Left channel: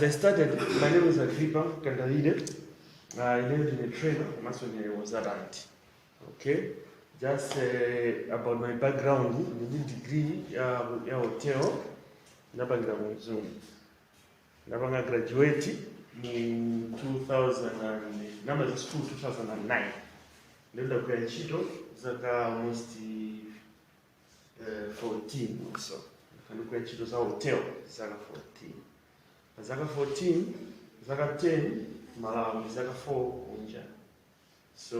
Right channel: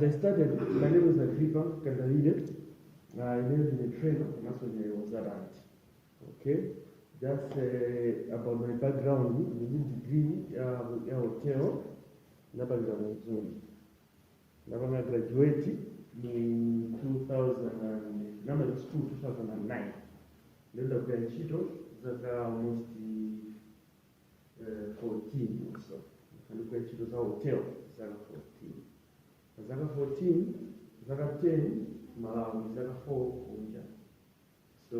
As I started, my name is Agrippa Kandavide. I lived in a trailer, I was around. Okay, just about my background, the degree, hotel, I graduated in 2000 and number school 2009. Then I graduated, almost 14 or so. I graduated as a hotel, 14. Zaka 14, Zaka 10, Malawi, Zaka 4, Unja. So,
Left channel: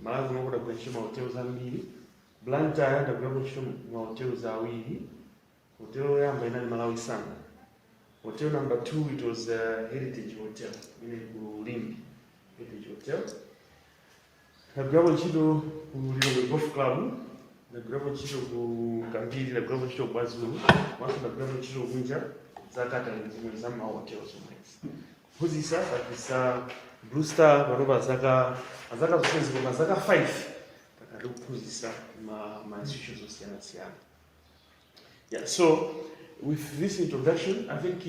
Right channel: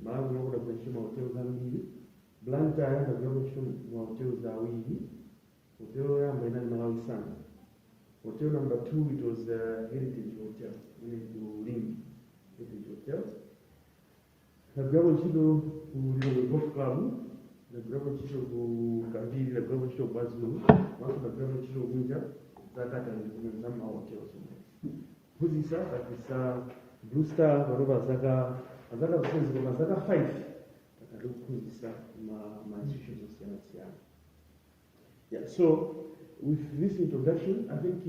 Malawi no kuda kwenye hotels ambili. Bluestar ndio kwa hotels awili. Hotel ya ambayo ni Malawi sana. Hotel number 2 it was Heritage Hotel, ile Ulimbi Heritage Hotel. Na kwa chido ulilo golf club, na kwa chido kambili, na kwa chido kwazulu, watu na kwa chido Unja. Zakata nzimwe zama hotels umwezi. Huzisa kabisa Bluestar baroba zaka zosenzi kwa zaka 5. Takadu huzisa ma institutions osiana. Yeah, so with this introduction, I think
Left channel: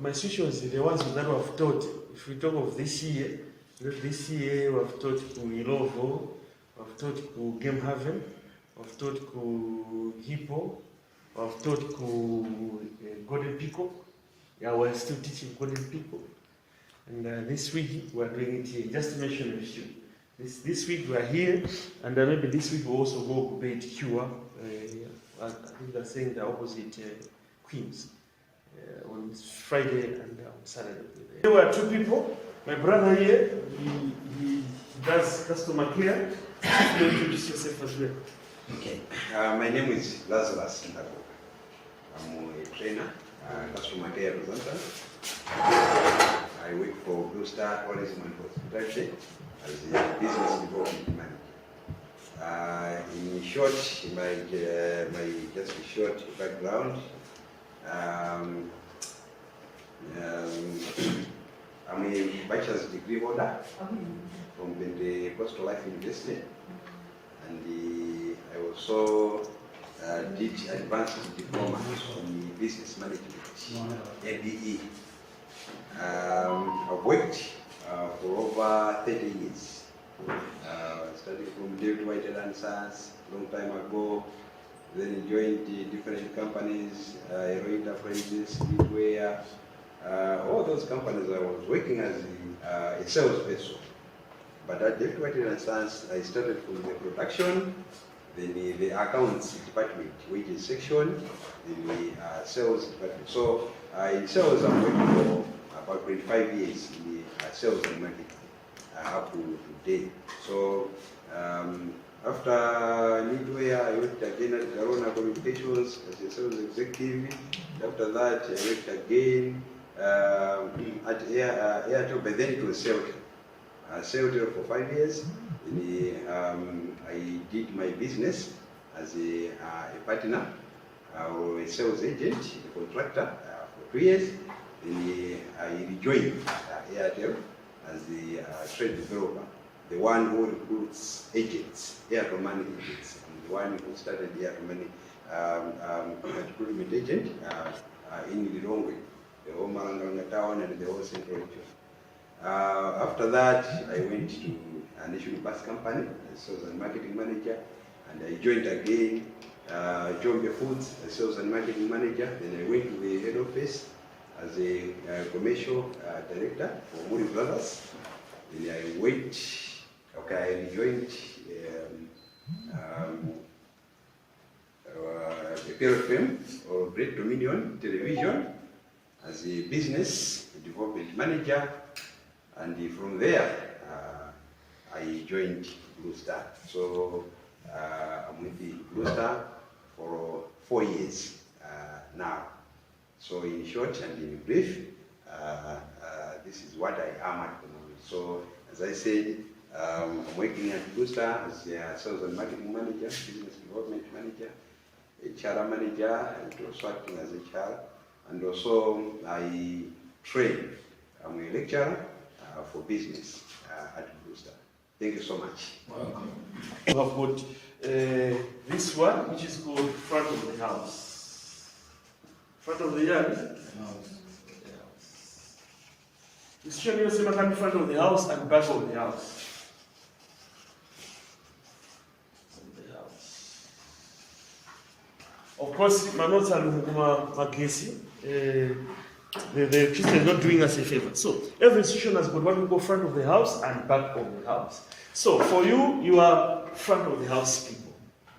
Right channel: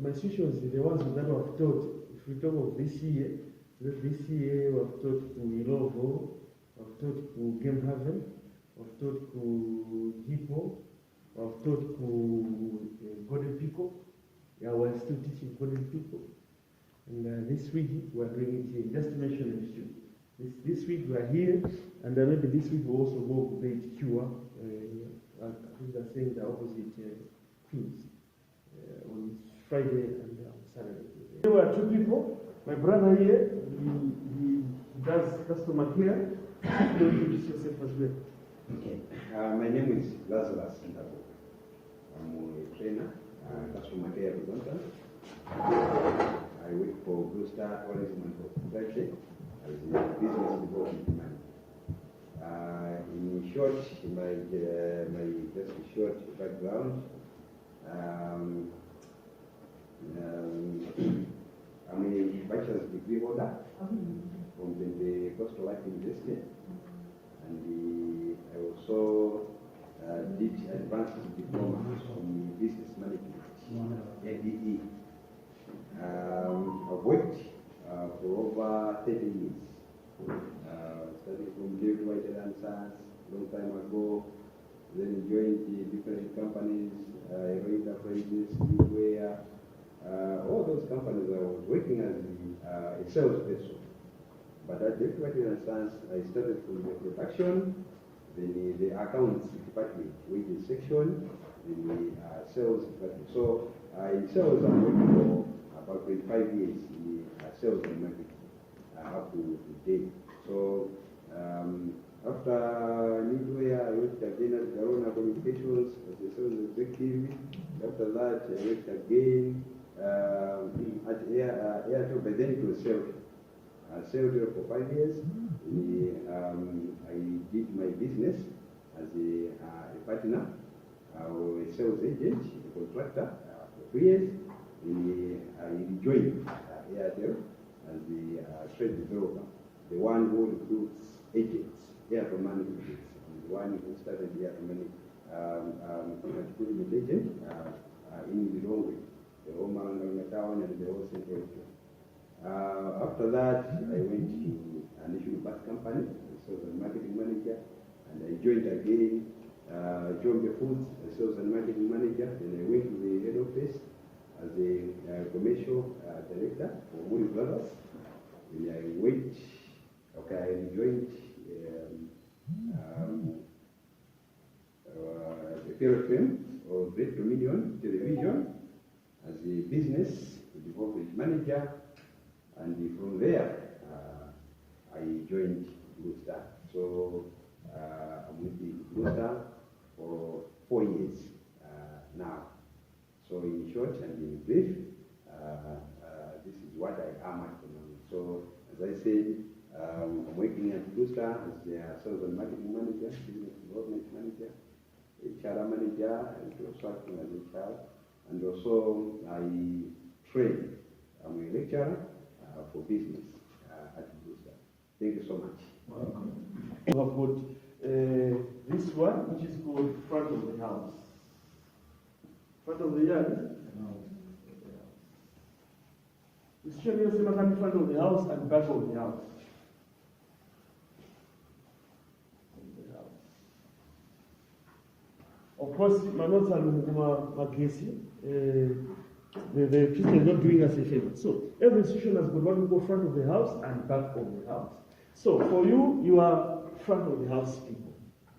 my institutions the ones that we have taught. If we talk of this year we have taught to Ilovo, we have taught to Game Haven, we have taught to Hippo. I've taught Golden Peacock. Yeah, we're still teaching Golden Peacock. And this week we're doing it here. Just to mention a few. This week we're here, and maybe this week we'll also go to Bait Cure. I think they're saying the opposite Queens on Friday and Saturday. There were 2 people. My brother here, he does customer care. You introduce yourself as well. Okay. My name is Lazarus Ndako. I'm a trainer, customer care representative. I work for Bluestar Tourism and Hospitality as a business development manager. In short, just a short background. I'm a bachelor's degree holder from the Coastal Life University, and I also did advanced diploma in business management, MBE. I've worked for over 30 years. Starting from David White and Sons long time ago, then joined the different companies, Aero Enterprises, Midway, all those companies I was working as a salesperson. But at David White and Sons, I started from the production, then the accounts department, wages section, then the sales department. So in sales, I'm working for about 25 years in the sales and marketing up to today. So after Midway, I worked again at Corona Communications as a sales executive. After that, I worked again at Airtel, but then it was Celtic. Celtic for 5 years. I did my business as a partner or a sales agent, a contractor for 2 years. Then I rejoined Airtel as the trade developer, the one who recruits agents, Airtel money agents. I'm the one who started the Airtel money recruitment agent in Lilongwe, the whole Maranganga town and the whole central region. After that, I went to a national bus company as sales and marketing manager, and I joined again Jombe Foods as sales and marketing manager. Then I went to the head office as a commercial director for Muri Brothers. Then I went, I joined the PRFM or Great Dominion Television as a business development manager. And from there, I joined Bluestar. So I'm with the Bluestar for 4 years now. So in short and in brief, this is what I am at the moment. So as I said, I'm working at Bluestar as a sales and marketing manager, business development manager, HR manager, and also acting as HR. And also I train. I'm a lecturer for business at Bluestar. Thank you so much. Welcome. We have got this one, which is called front of the house. Front of the yard. Restriction inasema come in front of the house and back of the house. Of course, my notes are magesi. The Christian is not doing us a favor. So every institution has got what we call front of the house and back of the house. So for you, you are front of the house people.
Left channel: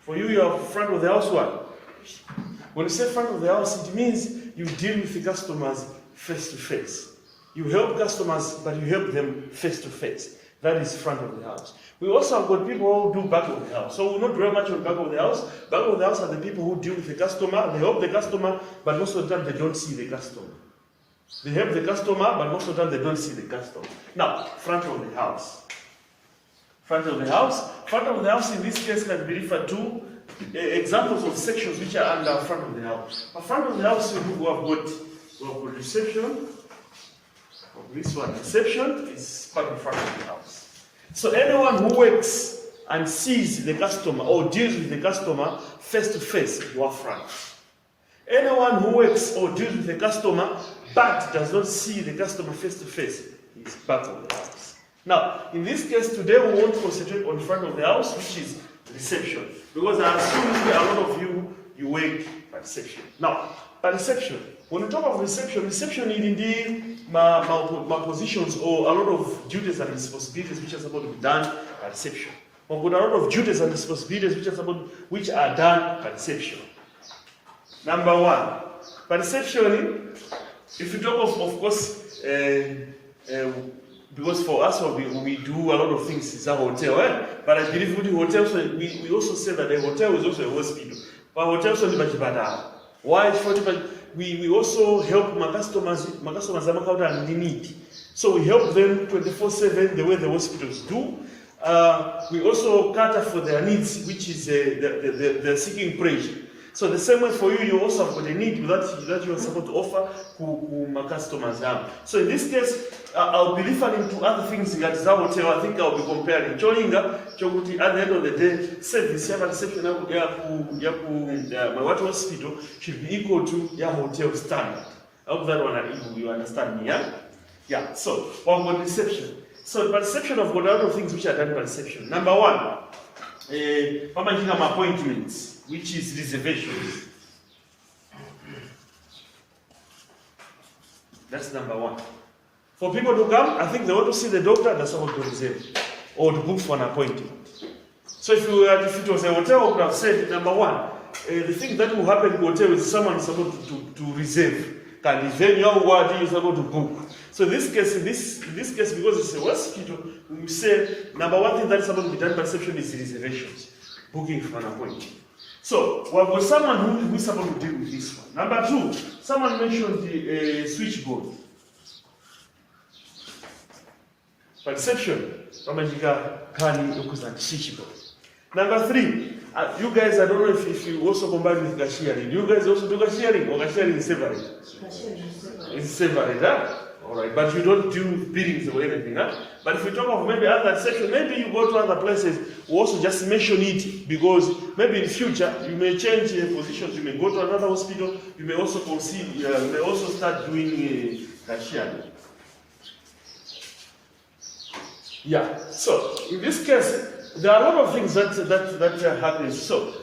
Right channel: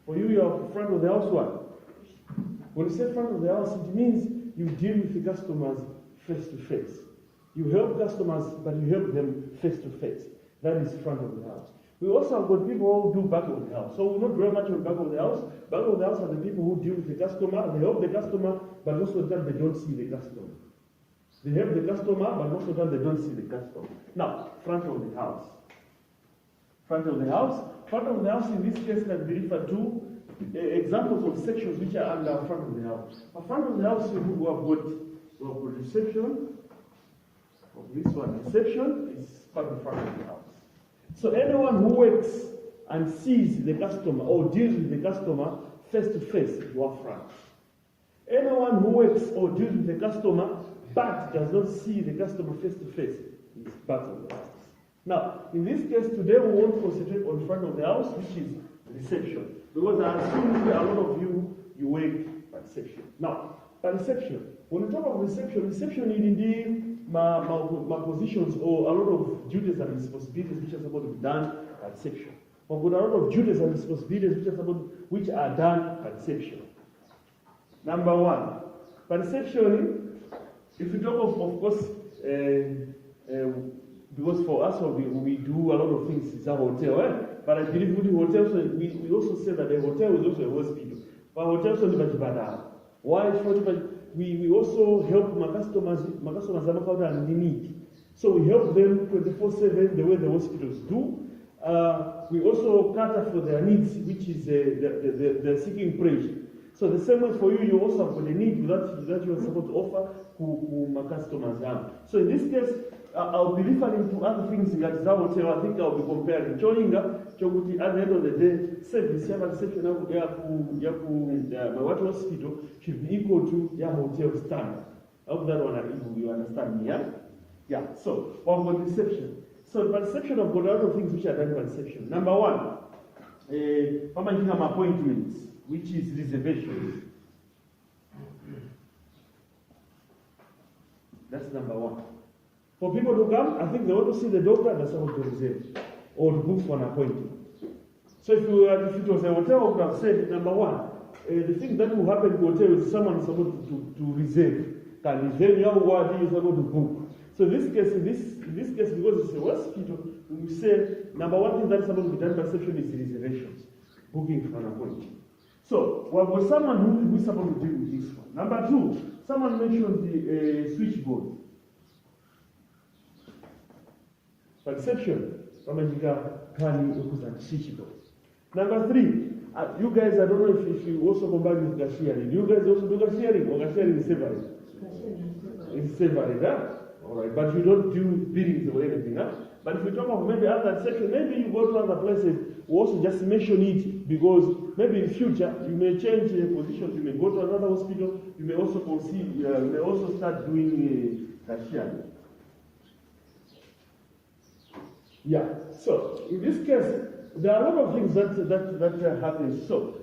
For you, you are front of the house what? When you say front of the house, it means you deal with the customers face to face. You help customers, but you help them face to face. That is front of the house. We also have got people who do back of the house. So we'll not dwell much on back of the house. Back of the house are the people who deal with the customer. They help the customer, but most of the time they don't see the customer. They help the customer, but most of the time they don't see the customer. Now, front of the house. Front of the house. Front of the house in this case can be referred to examples of sections which are under front of the house. But front of the house, we have got reception. This one, reception, is part of front of the house. So anyone who works and sees the customer or deals with the customer face to face, you are front. Anyone who works or deals with the customer but does not see the customer face to face is back of the house. Now, in this case, today we want to concentrate on front of the house, which is reception. Because I assume a lot of you work by reception. Now, by reception, when we talk of reception is indeed my positions or a lot of duties and responsibilities which are supposed to be done by reception. We've got a lot of duties and responsibilities which are done by reception. Number one, by reception, if you talk of course, because for us we do a lot of things in a hotel, but I believe with the hotel, so we also say that a hotel is also a hospital. But hotels are not. Why? We also help my customers and need. So we help them 24/7 the way the hospitals do. We also cater for their needs, which is they're seeking praise. So the same way for you, you also have got a need that you are supposed to offer to my customers. So in this case, I'll be referring to other things in that hotel. I think I'll be comparing. At the end of the day, service, reception, my hospital should be equal to your hotel standard. I hope that one you understand me, yeah? Yeah, so one more reception. So by reception, I've got a lot of things which are done by reception. Number one, appointments, which is reservations. That's number one. For people to come, I think they want to see the doctor, they're supposed to reserve or to book for an appointment. So if it was a hotel, I would have said, number one, the thing that will happen in the hotel is someone is supposed to reserve. And then your word is supposed to book. So in this case, because it's a hospital, we say number one thing that is supposed to be done by reception is reservations, booking for an appointment. So we have got someone who is supposed to deal with this one. Number two, someone mentioned the switchboard. By reception, switchboard. Number three, you guys, I don't know if you also combine with cashiering. You guys also do cashiering, or cashiering is separate? It's separate, huh? Alright, but you don't do billings or anything, huh? But if you talk of maybe other section, maybe you go to other places, we also just mention it because maybe in future you may change positions, you may go to another hospital, you may also consider, you may also start doing cashiering. Yeah, so in this case, there are a lot of things that happen. So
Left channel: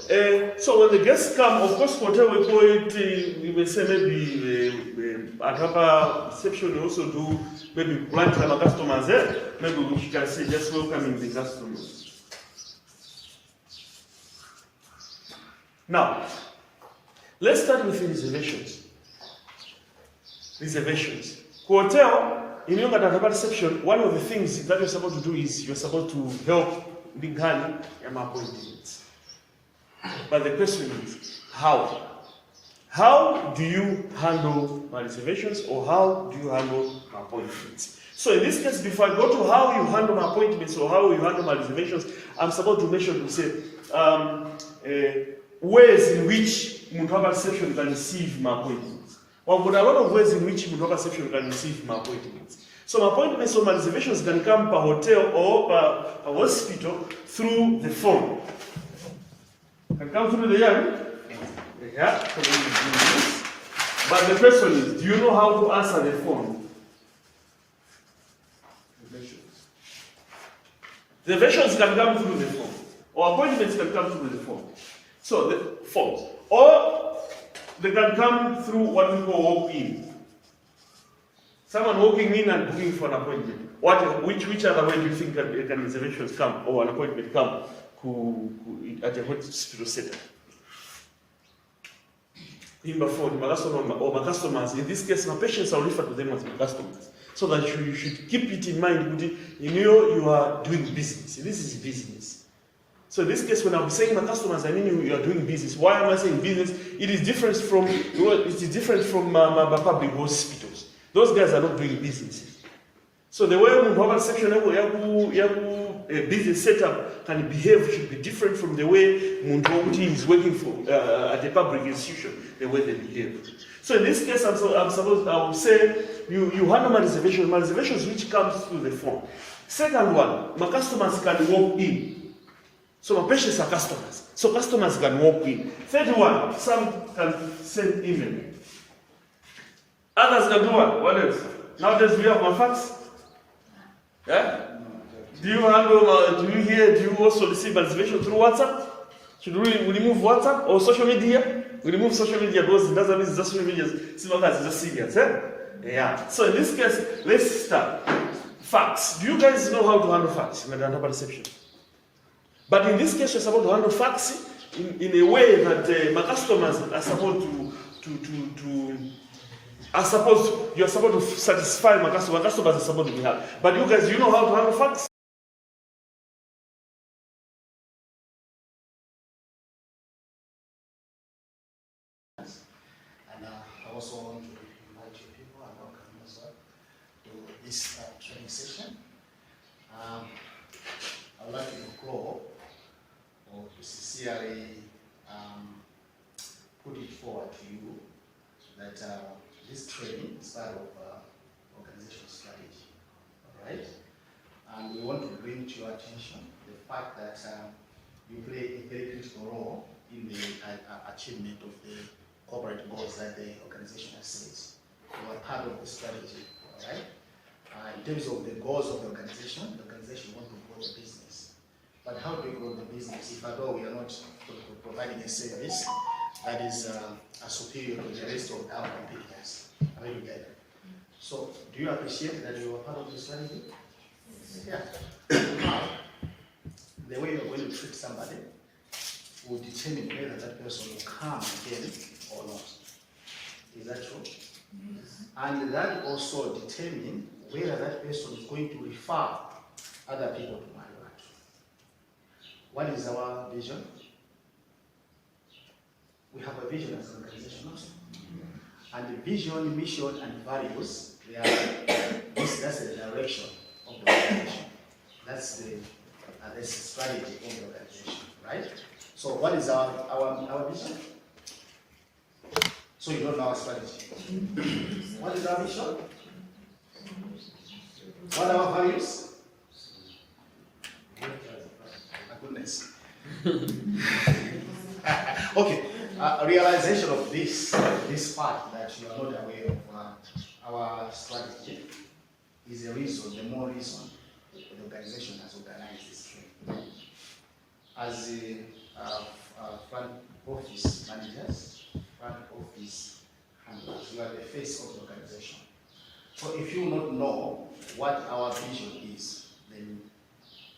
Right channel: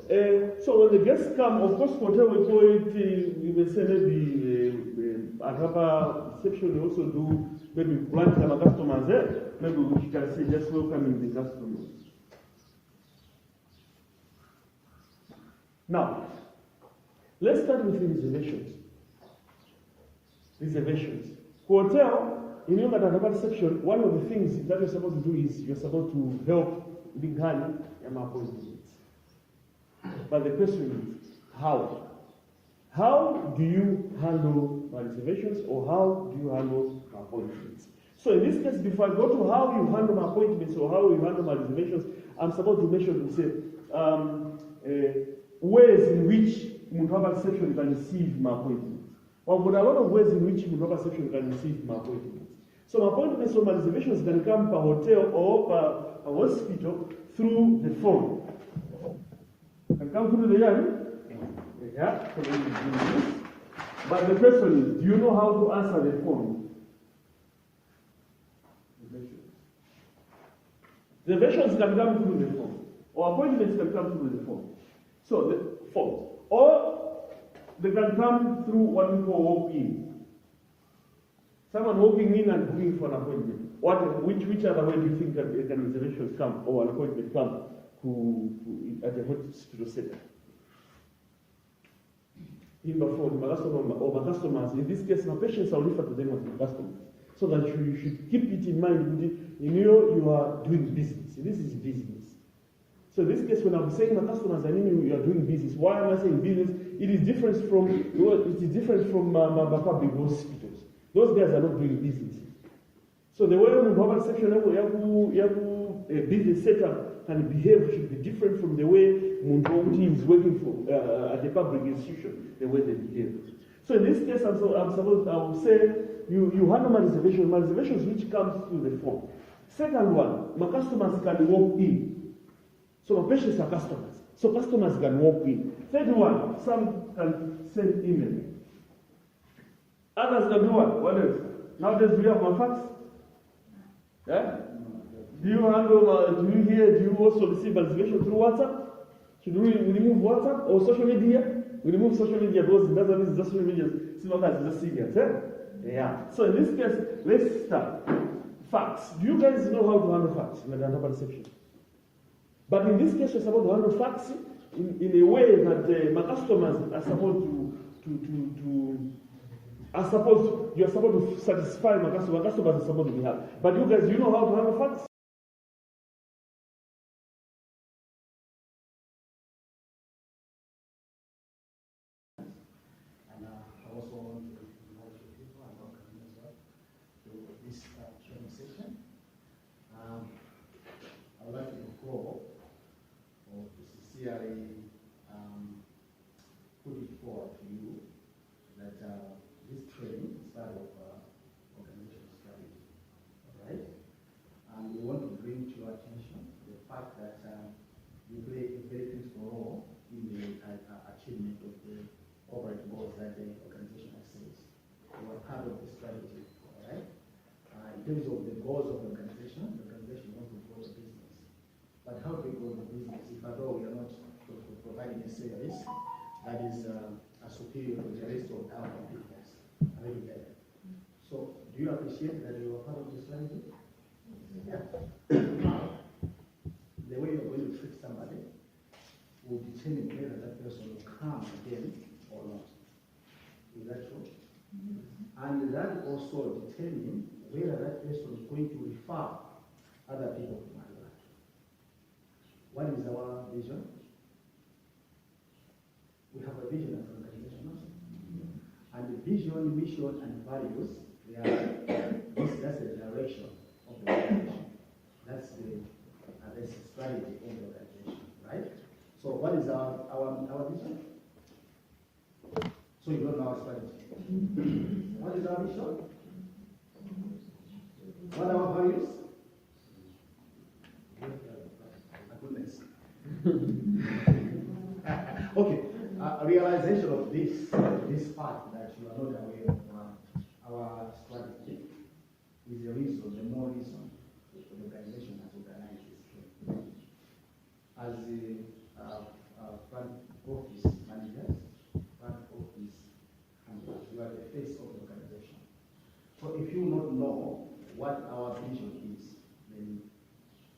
when the guests come, of course, hotel we call it, we may say maybe at our reception we also do maybe branch our customers there. Maybe we can say just welcoming the customers. Now, let's start with reservations. Reservations. Hotel, in your reception, one of the things that you're supposed to do is you're supposed to help big hand and appointments. But the question is, how? How do you handle my reservations or how do you handle my appointments? So in this case, before I go to how you handle my appointments or how you handle my reservations, I'm supposed to mention to say ways in which Mutwaba reception can receive my appointments. Well, but a lot of ways in which Mutwaba reception can receive my appointments. So my appointments or my reservations can come per hotel or per hospital through the phone. Can come through the yard. Yeah. But the question is, do you know how to answer the phone? Reservations can come through the phone, or appointments can come through the phone. So the phones, or they can come through what we call walk-in. Someone walking in and booking for an appointment. Which other way do you think can reservations come or an appointment come at a hospital center? Number 4, my customers. In this case, my patients are referred to them as my customers. So that you should keep it in mind. You are doing business. This is business. So in this case, when I'm saying my customers, I mean you are doing business. Why am I saying business? It is different from my public hospitals. Those guys are not doing businesses. So the way we have a section a business setup can behave should be different from the way Munti is working for at a public institution, the way they behave. So in this case, I would say you handle my reservations which comes through the phone. Second one, my customers can walk in. So my patients are customers. So customers can walk in. Third one, some can send email. Others can do what? What else? Nowadays we have my fax. Yeah? Do you also receive reservation through WhatsApp? Should we remove WhatsApp or social media? We remove social media because it doesn't mean social media is just serious. Yeah. So in this case, let's start. Fax. Do you guys know how to handle fax in the data perception? But in this case, you're supposed to handle fax in a way that my customers are supposed you're supposed to satisfy my customers. My customers are supposed to be happy. But you guys, you know how to handle fax? And I also want to invite you people and welcome as well to this training session. I would like to go or to sincerely put it forward to you that this training is part of organizational strategy, all right? And we want to bring to your attention the fact that you play a very critical role in the achievement of the corporate goals that the organization has set. You are part of the strategy, all right? In terms of the goals of the organization wants to grow the business. But how do we grow the business if at all we are not providing a service that is superior to the rest of our competitors? Are you together? So, do you appreciate that you are part of the strategy? Yeah. Now, the way you're going to treat somebody will determine whether that person will come again or not. Is that true? Yes. And that also determines whether that person is going to refer other people to Marriott. What is our vision? We have a vision as an organization also. And the vision, mission, and values, that's the direction of the organization. That's the strategy of the organization, right? So what is our vision? So you don't know our strategy. What is our vision? What are our values? My goodness. Okay. Realization of this fact that you are not aware of our strategy is a reason, the more reason the organization has organized this training. As front office managers, front office handlers, you are the face of the organization. So if you not know what our vision is, then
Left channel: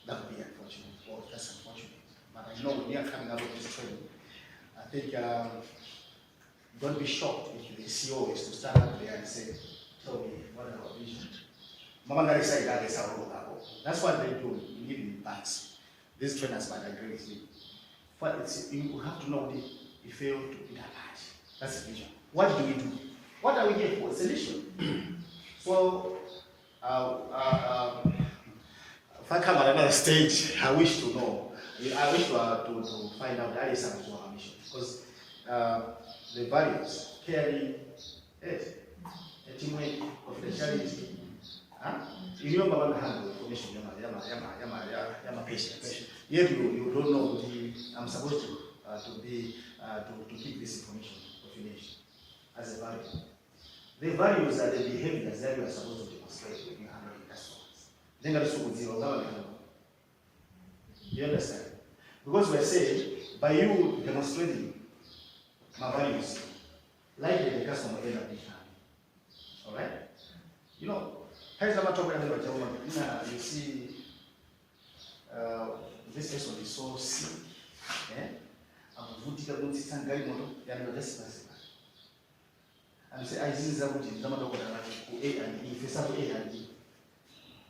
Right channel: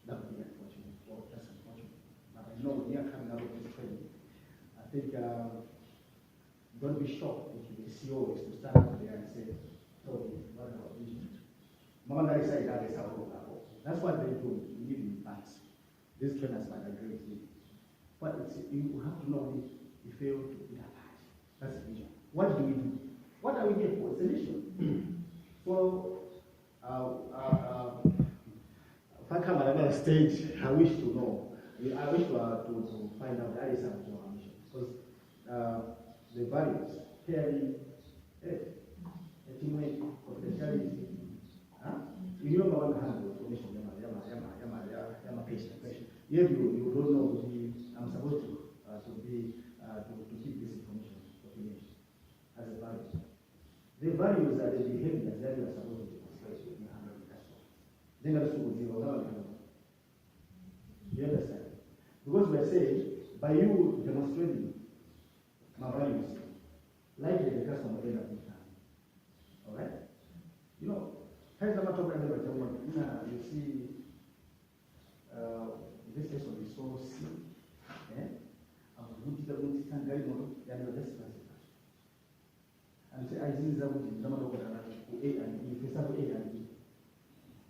that would be unfortunate, or that's unfortunate. But I know when you are coming out of this training, I think don't be shocked if the CEO is to stand up there and say, tell me, what are our vision? That's what they do, even in banks. These trainers might agree with me. But you have to know the fail to be that large. That's the vision. What do we do? What are we here for? It's a mission. So, if I come at another stage, I wish to know. I wish to find out that is our mission. Because the values, caring, teamwork, confidentiality. You know about the handle information, yama patient. Yet you don't know I'm supposed to keep this information confidential as a value. The values are the behaviors that you are supposed to demonstrate when you handle customers. Then there is Because we're saying, by you demonstrating my values, likely the customer end up being happy. Alright? You know, you see, this person is so sick. And you say, I see that A and E, for example, A and E.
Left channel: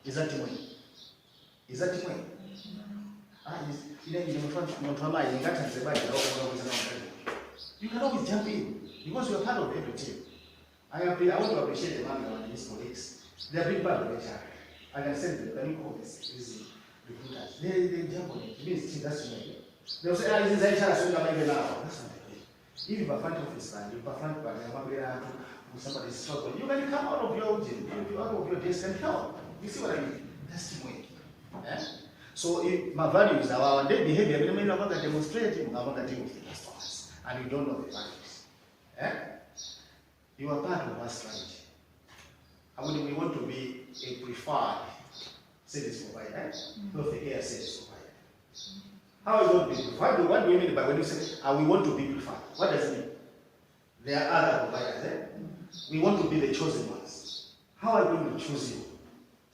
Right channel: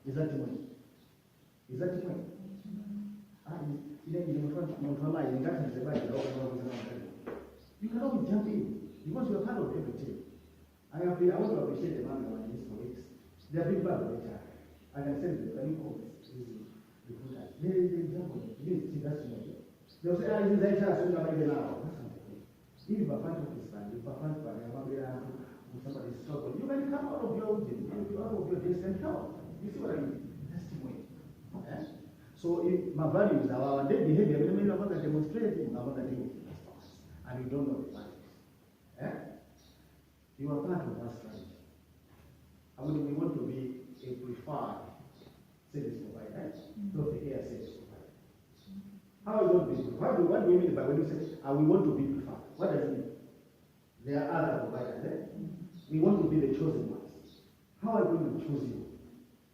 Is that the way? Is that the way? You can always jump in because you are part of every team. I want to appreciate the man and his colleagues. They are big part of HR. I can send them, can you call this recruiters? They jump on it. It means that's me. They'll say, this is HR, so that's not the way. If you are front office and you are front part, somebody is struggling, you can come out of your desk and help. You see what I mean? That's the way. Yeah? So if my values are our day behavior, but I mean, I'm not demonstrating, I'm not dealing with the customers, and you don't know the values. Yeah? You are part of our strategy. We want to be a preferred service provider, not the air service provider. How are we going to be preferred? What do you mean by when you say we want to be preferred? What does it mean? There are other providers. We want to be the chosen ones. How are we going to choose you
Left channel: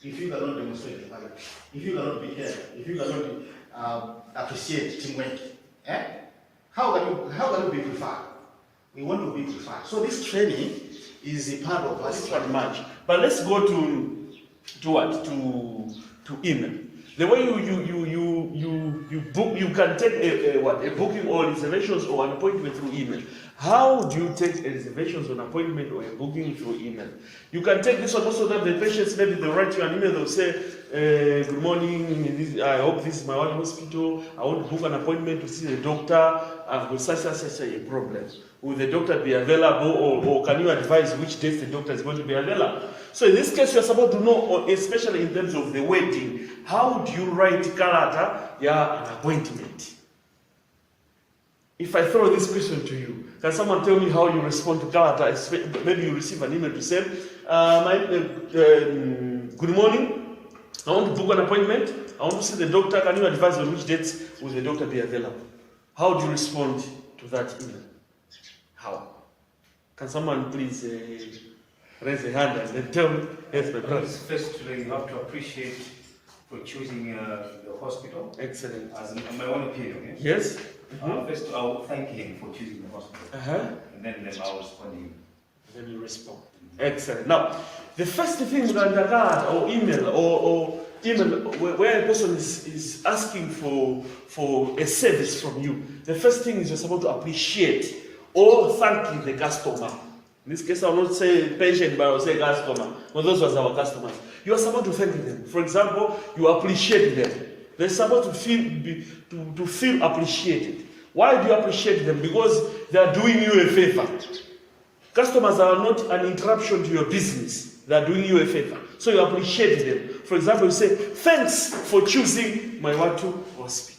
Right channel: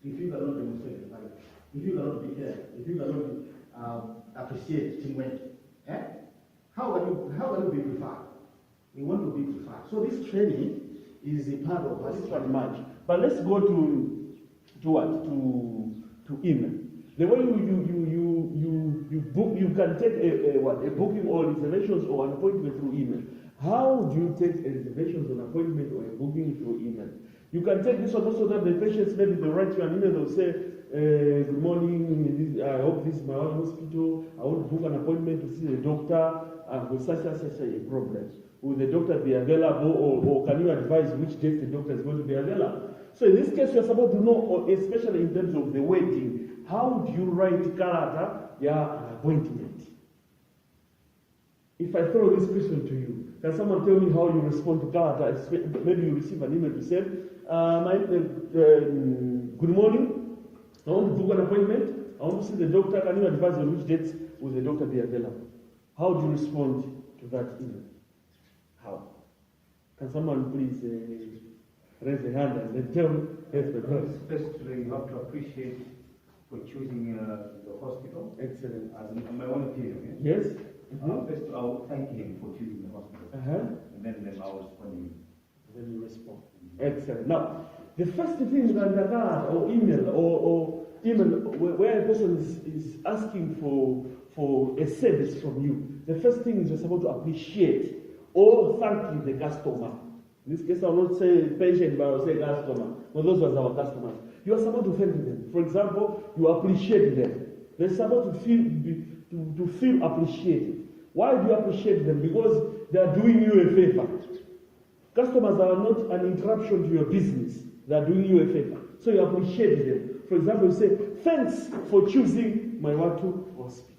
if you cannot demonstrate the value? If you cannot be here, if you cannot appreciate teamwork? How can you be preferred? We want to be preferred. So this training is a part of us. Much. But let's go to what? To email. The way you book, you can take a booking or reservations or an appointment through email. How do you take a reservations or an appointment or a booking through email? You can take this one also that the patients, maybe they'll write you an email, they'll say, good morning, I hope this is my one hospital, I want to book an appointment to see the doctor, I've got such a problem. Will the doctor be available, or can you advise which days the doctor is going to be available? So in this case, you're supposed to know, especially in terms of the wedding, how do you write character, an appointment? If I throw this question to you, can someone tell me how you respond to character? Maybe you receive an email to say, good morning, I want to book an appointment, I want to see the doctor, can you advise on which dates will the doctor be available? How do you respond to that email? How? Can someone please raise a hand and then tell me? Yes, my brother. Firstly, you have to appreciate for choosing the hospital. Excellent. As my own opinion. Yes. First, I will thank him for choosing the hospital. And then I will respond to him. Then you respond. Excellent. Now, the first thing with a card or email or email where a person is asking for a service from you, the first thing is you're supposed to appreciate or thank the customer. In this case, I will not say patient, but I will say customer. Well, those were our customers. You are supposed to thank them. For example, you appreciate them. They're supposed to feel appreciated. Why do you appreciate them? Because they are doing you a favor. Customers are not an interruption to your business. They are doing you a favor. So you appreciate them. For example, you say, thanks for choosing my Watu hospital.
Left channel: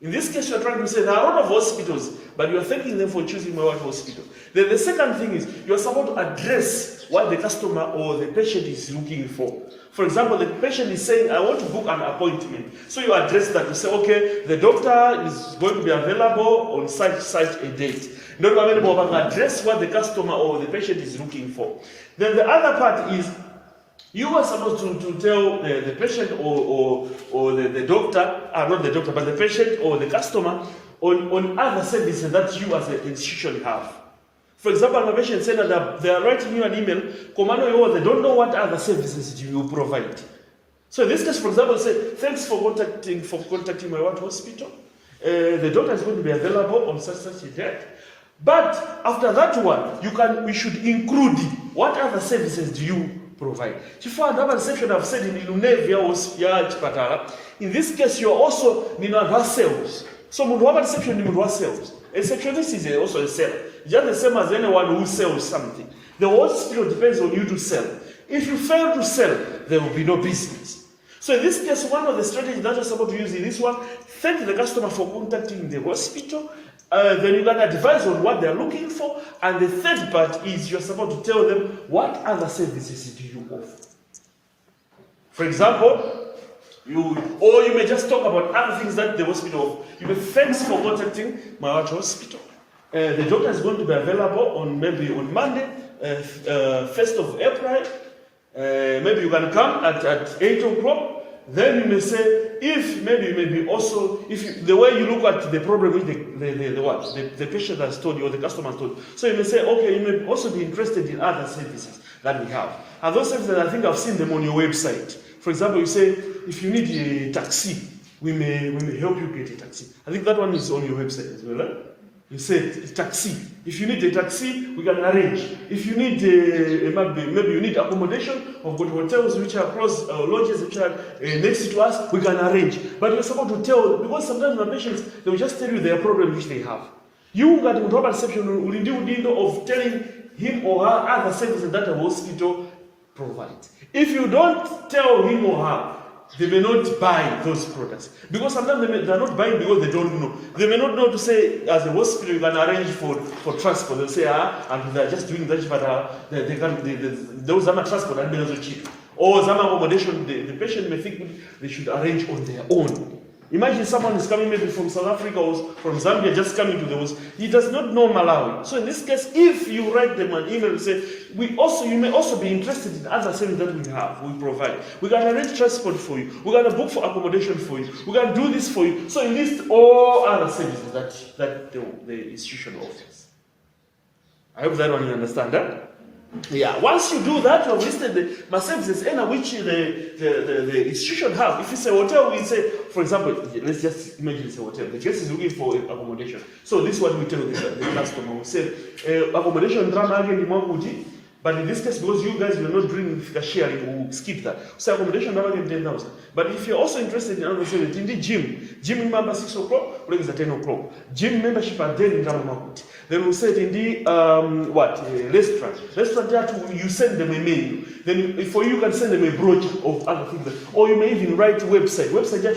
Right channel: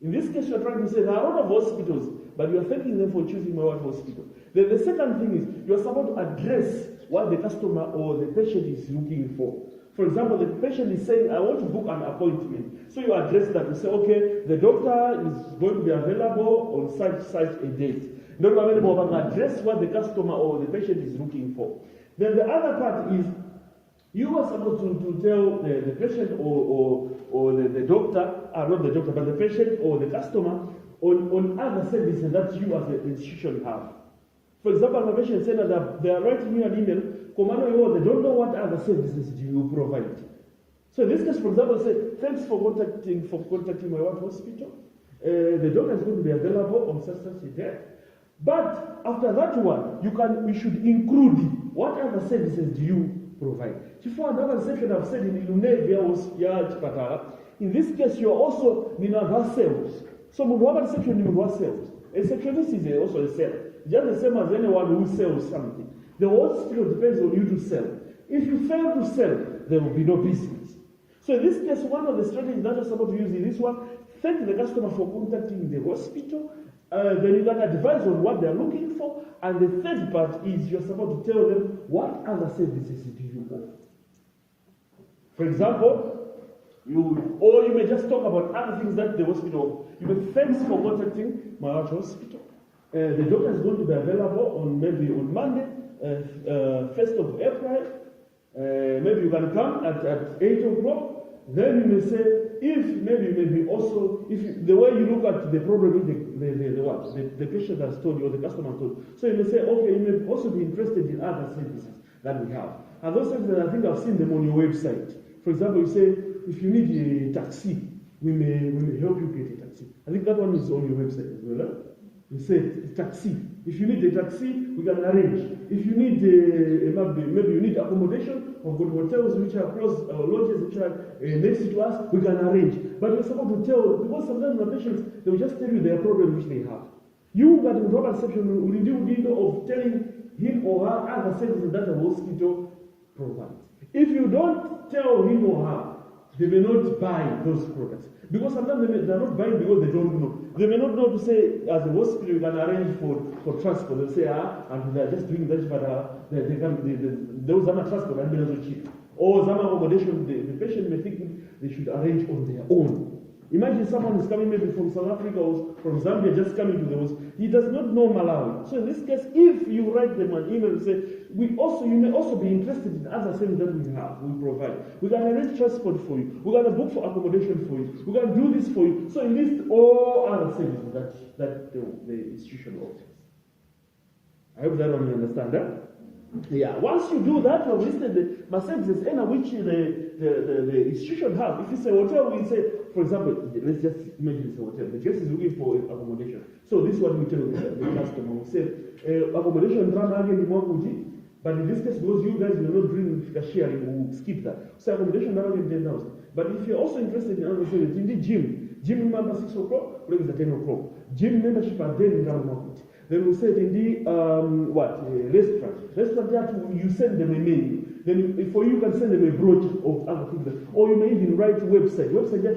In this case, you are trying to say there are a lot of hospitals, but you are thanking them for choosing my Watu hospital. Then the second thing is, you are supposed to address what the customer or the patient is looking for. For example, the patient is saying, I want to book an appointment. So you address that. You say, okay, the doctor is going to be available on such a date. Not available, but address what the customer or the patient is looking for. Then the other part is, you are supposed to tell the patient or the doctor, not the doctor, but the patient or the customer on other services that you as an institution have. For example, my patient said that they are writing you an email, they don't know what other services do you provide. So in this case, for example, say, thanks for contacting my Watu hospital. The doctor is going to be available on such a date. But after that one, we should include what other services do you provide. Another section I've said in Ilunevia, in this case, you are also sales. So Mundwaba section in sales. A sectionist is also a seller. Just the same as anyone who sells something. The hospital depends on you to sell. If you fail to sell, there will be no business. So in this case, one of the strategies that you're supposed to use in this one, thank the customer for contacting the hospital. Then you can advise on what they're looking for. And the third part is you're supposed to tell them what other services do you offer. For example, Or you may just talk about other things that the hospital. You may thanks for contacting my hospital. The doctor is going to be available on maybe on Monday, 1st of April. Maybe you can come at 8 o'clock. Then you may say, if maybe you may be also, if the way you look at the problem with the patient has told you or the customer has told you. So you may say, okay, you may also be interested in other services that we have. And those services, I think I've seen them on your website. For example, you say, if you need a taxi, we may help you get a taxi. I think that one is on your website as well. Right? You said taxi. If you need a taxi, we can arrange. If you need maybe you need accommodation, we've got hotels which are close, lodges which are next to us, we can arrange. But we're supposed to tell, because sometimes my patients, they will just tell you their problem which they have. You got to have a perception of telling him or her other services that a hospital provides. If you don't tell him or her, they may not buy those products. Because sometimes they're not buying because they don't know. They may not know to say, as a hospital, you can arrange for transport. They'll say, and they're just doing that, but those are transport and they're also cheap. Or some accommodation, the patient may think they should arrange on their own. Imagine someone is coming maybe from South Africa or from Zambia, just coming to the house. He does not know Malawi. So in this case, if you write them an email and say, you may also be interested in other services that we provide. We can arrange transport for you. We can book for accommodation for you. We can do this for you. So you list all other services that the institution offers. I hope that one you understand that. Yeah, once you do that, you have listed the services in which the institution have. If it's a hotel, we say, for example, let's just imagine it's a hotel. The guest is looking for accommodation. So this is what we tell the customer. We say, accommodation drama again, but in this case, because you guys will not doing the sharing, we'll skip that. So accommodation drama again 10,000. But if you're also interested in other services, in the gym member 6 o'clock, break is at 10 o'clock. Gym membership at 10 in Dramakuti. Then we said in the restaurant that you send them a menu. Then for you can send them a brochure of other things, or you may even write a website that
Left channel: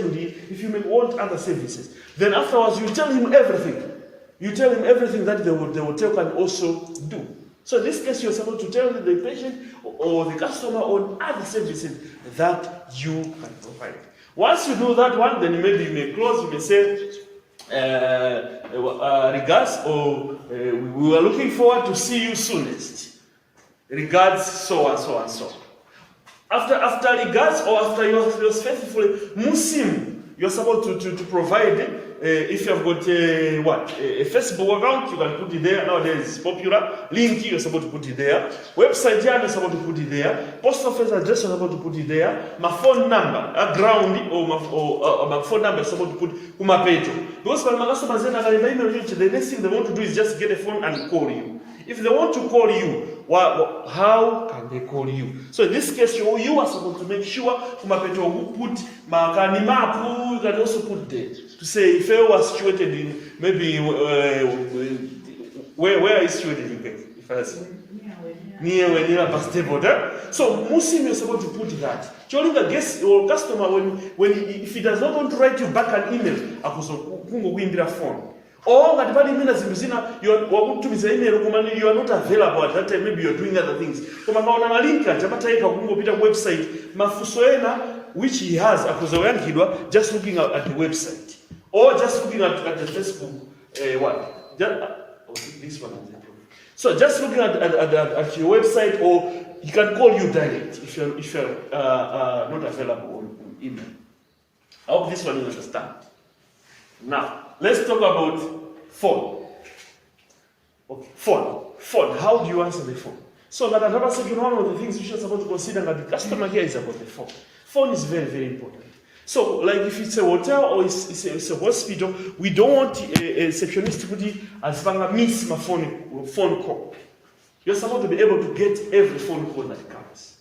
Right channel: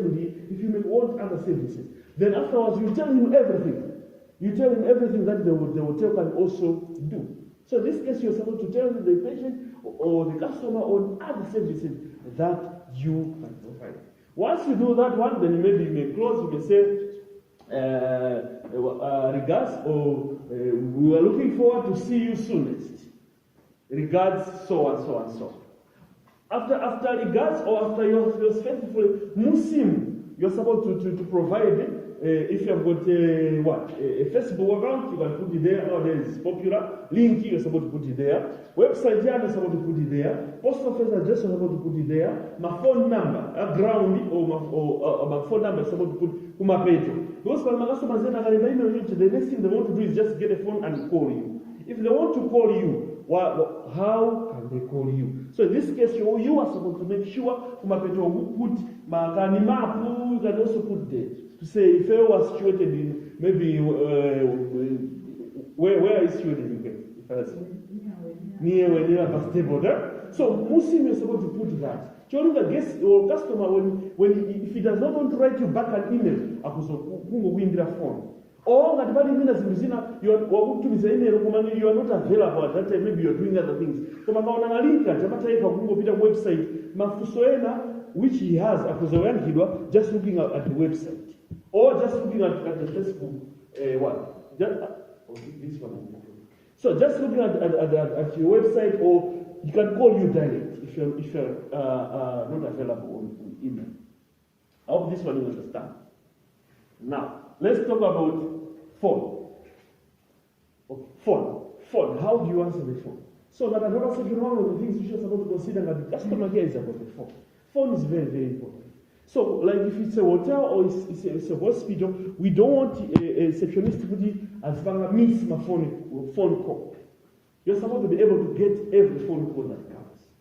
if you may want other services. Then afterwards you tell him everything. You tell him everything that the hotel can also do. So in this case, you're supposed to tell the patient or the customer on other services that you can provide. Once you do that one, then maybe you may close. You may say, regards, or we were looking forward to see you soonest. Regards, so and so and so. After regards, or after you're faithfully Muslim, you're supposed to provide. If you have got a Facebook account, you can put it there. Nowadays it's popular. Link, you're supposed to put it there. Website, you're supposed to put it there. Post office address, you're supposed to put it there. My phone number, a ground, or my phone number, you're supposed to put kumapeto. Because when my customers the next thing they want to do is just get a phone and call you. If they want to call you, how can they call you? So in this case, you are supposed to make sure kumapeto put makani map. You can also put there to say if I was situated in maybe where is situated in Cape? If I say near bus depot. So Muslim you're supposed to put that. During the guest or customer if he does not want to write you back an email, akuzokungokuimbira phone. Or at the minutes you are not available at that time, maybe you're doing other things. Kama kaona link atapata kupita website mafusoena which he has akuzoyankidwa just looking at the website or just looking at the Facebook this one. So just looking at your website, or he can call you direct if you're not available on email. I hope this one you understand. Now let's talk about phone. Okay, phone. How do you answer the phone? So that another section, one of the things you should supposed to consider that the customer here is about the phone. Phone is very, very important. So, like if it's a hotel or it's a hospital, we don't want a receptionist to put it as miss my phone call. You're supposed to be able to get every phone call that comes.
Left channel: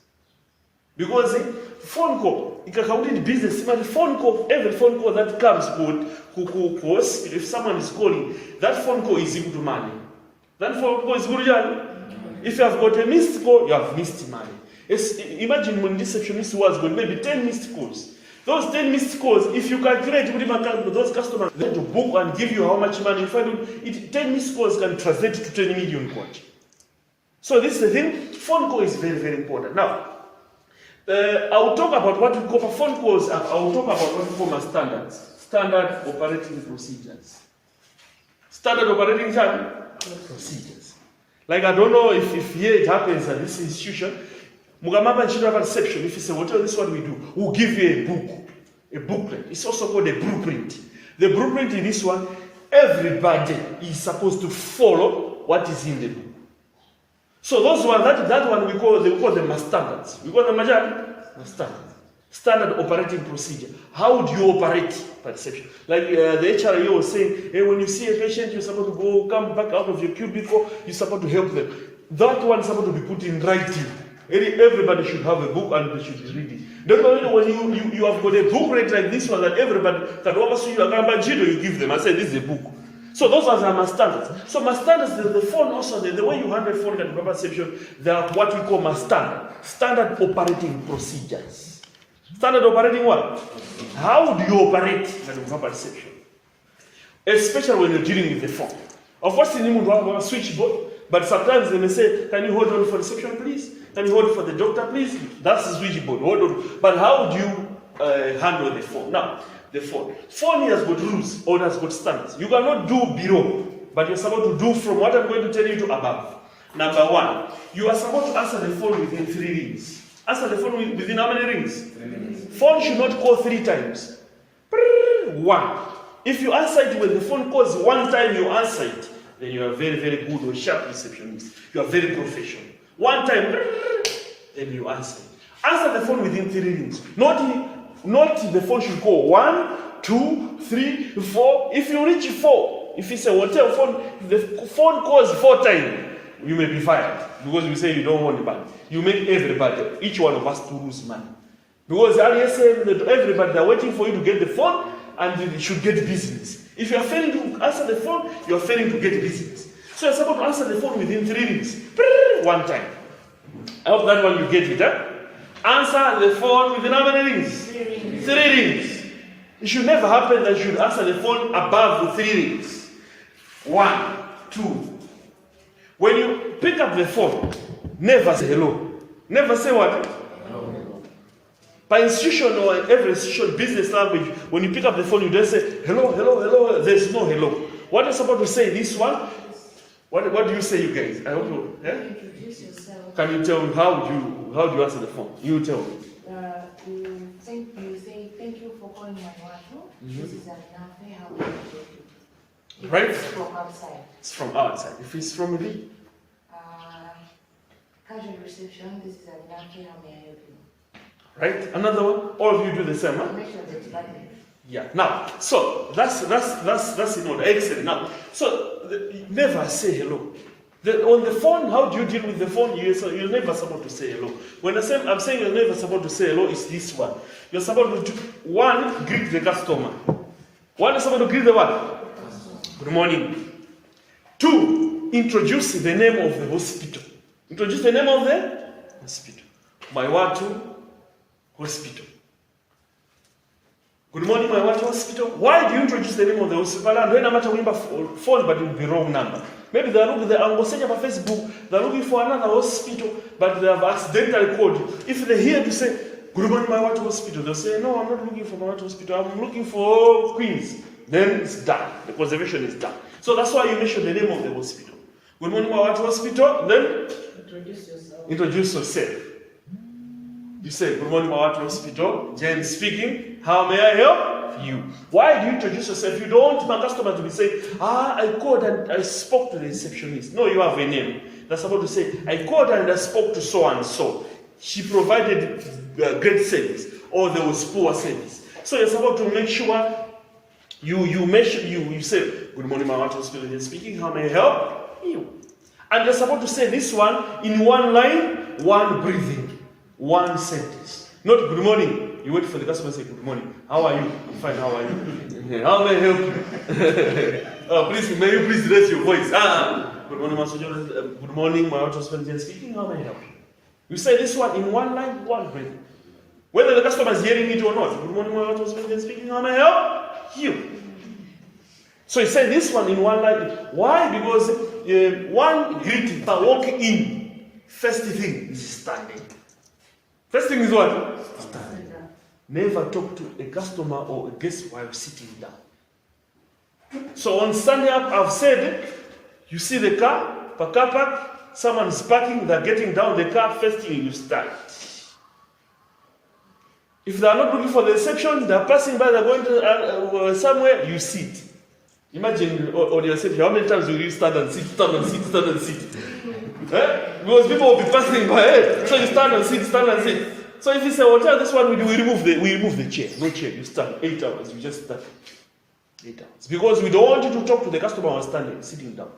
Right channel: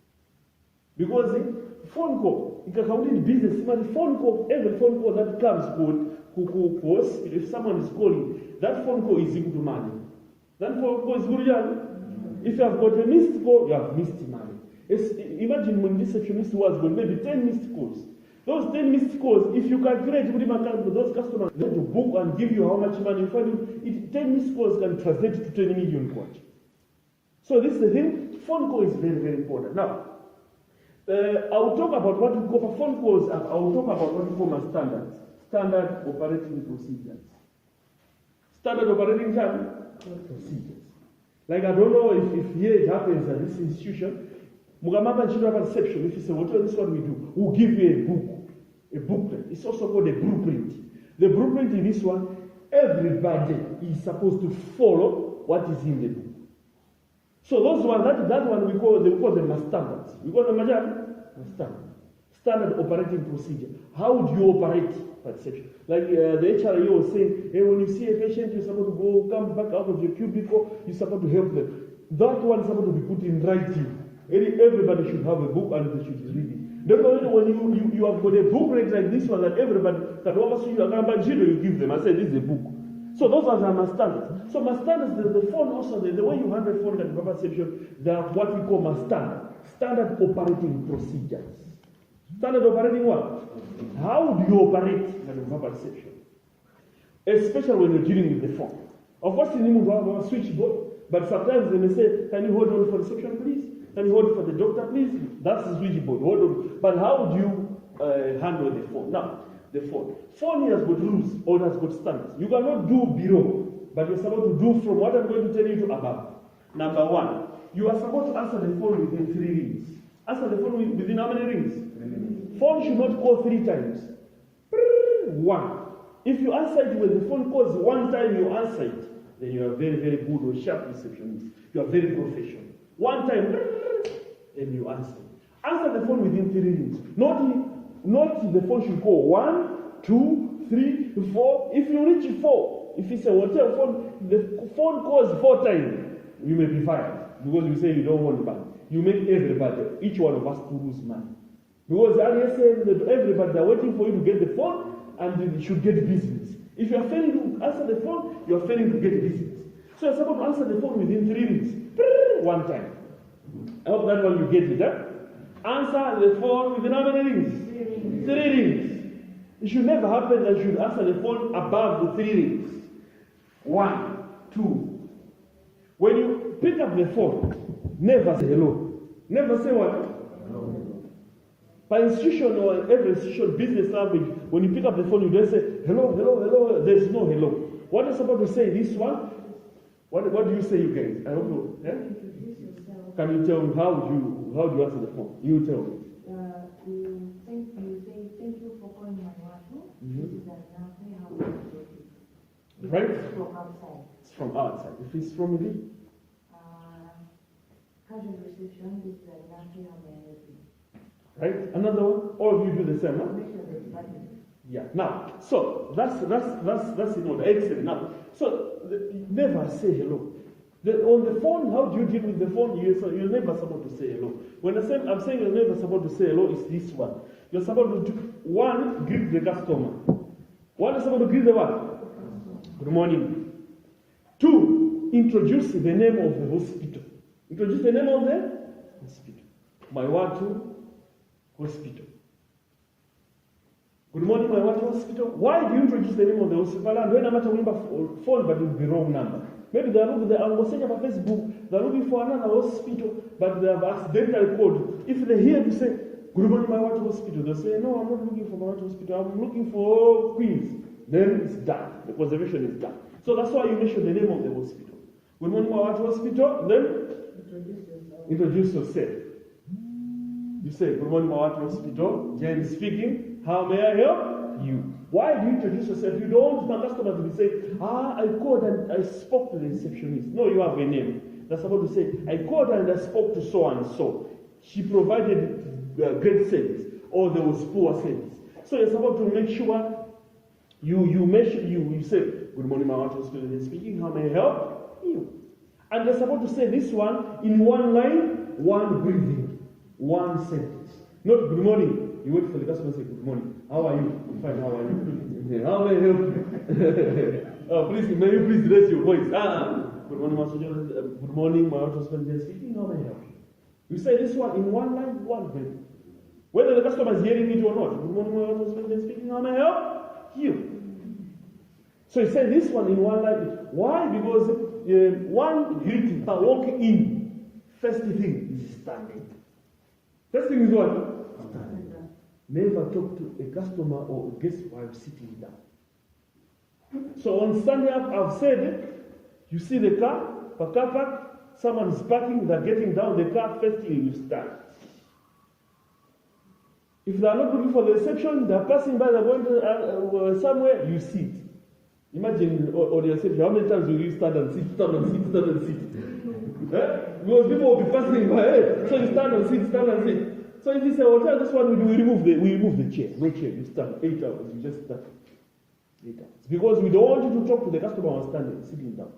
Because phone call, you can count in business, but every phone call that comes could, if someone is calling, that phone call is equal to money. That phone call is good. If you have got a missed call, you have missed money. Imagine when this receptionist was going, maybe 10 missed calls. Those 10 missed calls, if you calculate with those customers, they to book and give you how much money. In fact, 10 missed calls can translate to 10 million calls. So this is the thing, phone call is very, very important. Now, I'll talk about what we call for phone calls. I'll talk about what we call my standards. Standard operating procedures. Standard operating procedures. Like, I don't know if here it happens at this institution. Mugamaba Children Reception, if it's a hotel, this is what we do. We'll give you a booklet. It's also called a blueprint. The blueprint in this one, everybody is supposed to follow what is in the book. So those one, that one we call them standards. We call them standards. Standard operating procedure. How do you operate perception? Like the HRO was saying, hey, when you see a patient, you're supposed to come back out of your cubicle, you're supposed to help them. That one is supposed to be put in writing. Everybody should have a book and they should read it. Not only when you have got a book read like this one that everybody can oversee you give them and say this is a book. So those are my standards. So my standards, the phone also, the way you handle phone and perception, they are what we call my standard operating procedures. Standard operating what? How do you operate in perception? Especially when you're dealing with the phone. Of course, you need to have a switchboard, but sometimes they may say, can you hold on for reception, please? Can you hold for the doctor, please? That's the switchboard. Hold on. But how do you handle the phone? Now, the phone. Phone has got rules or has got standards. You cannot do below, but you're supposed to do from what I'm going to tell you to above. Number one, you are supposed to answer the phone within 3 rings. Answer the phone within how many rings? 3 rings. Phone should not call 3 times. 1. If you answer it when the phone calls 1 time, you answer it, then you are very, very good or sharp receptionist. You are very professional. 1 time, then you answer it. Answer the phone within 3 rings. Not the phone should call 1, 2, 3, 4. If you reach 4, if it's a hotel phone, the phone calls 4 times, you may be fired because you say you don't want money. You make everybody, each one of us, to lose money. Because everybody, they're waiting for you to get the phone and you should get business. If you are failing to answer the phone, you are failing to get business. So you're supposed to answer the phone within 3 rings. 1 time. I hope that one you get it, huh? Answer the phone within how many rings? 3 rings. It should never happen that you should answer the phone above the 3 rings. 1, 2. When you pick up the phone, never say hello. Never say what? Hello. By institution or every institution, business language, when you pick up the phone, you don't say hello, hello, hello. There's no hello. What are you supposed to say? This one? What do you say, you guys? I hope you. Yeah? Introduce yourself. Can you tell me how do you answer the phone? You tell me. You say thank you for calling my wife. This is Anafe. How can I help you? Right? It's from outside. It's from outside. If it's from the casual reception. This is Anafe. How may I help you? right? Another one. All of you do the same, huh? Make sure that it's button. Yeah. Now, so that's in order. Excellent. Now, so never say hello. On the phone, how do you deal with the phone? You're never supposed to say hello. When I'm saying you're never supposed to say hello, it's this one. You're supposed to greet the customer. One is supposed to greet the what? Good morning. 2, introduce the name of the hospital. Introduce the name of the hospital. Maiwatu Hospital. Good morning, Maiwatu Hospital. Why do you introduce the name of the hospital? And when I'm at a phone, but it will be wrong number. Maybe they're looking, I'm going to Facebook, they're looking for another hospital, but they have accidentally called you. If they hear you say, good morning, Maiwatu Hospital, they'll say, no, I'm not looking for Maiwatu Hospital, I'm looking for Queens. Then it's done. The conservation is done. So that's why you mention the name of the hospital. Good morning, Maiwatu Hospital, then Introduce yourself. Introduce yourself. You say, good morning, Maiwatu Hospital, Jane speaking, how may I help you? Why do you introduce yourself? You don't want my customer to be saying, I called and I spoke to the receptionist. No, you have a name. That's about to say, I called and I spoke to so and so. She provided great service, or there was poor service. So you're supposed to make sure you say, good morning, Maiwatu Hospital, Jane speaking, how may I help you? And you're supposed to say this one in 1 line, 1 breathing, 1 sentence. Not good morning. You wait for the customer to say good morning. How are you? I'm fine. How are you? How may I help you? Please, may you please raise your voice? Good morning, Master. Good morning, my husband speaking. How may I help you? You say this one in 1 line, 1 breathing. Whether the customer is hearing it or not. Good morning, my husband speaking. How may I help you? So you say this one in 1 line. Why? Because one greeting, walk in, first thing is standing. First thing is what? Stand. Never talk to a customer or a guest while sitting down. So on standing up, I've said, you see the car park, someone's parking, they're getting down the car, first thing you start. If they are not looking for the reception, they're passing by, they're going to somewhere, you sit. Imagine on your reception, how many times will you stand and sit? Because people will be passing by, so you stand and sit. So if it's a hotel, this one we remove the chair. No chair, you stand 8 hours, you just stand 8 hours. Because we don't want you to talk to the customer while sitting down.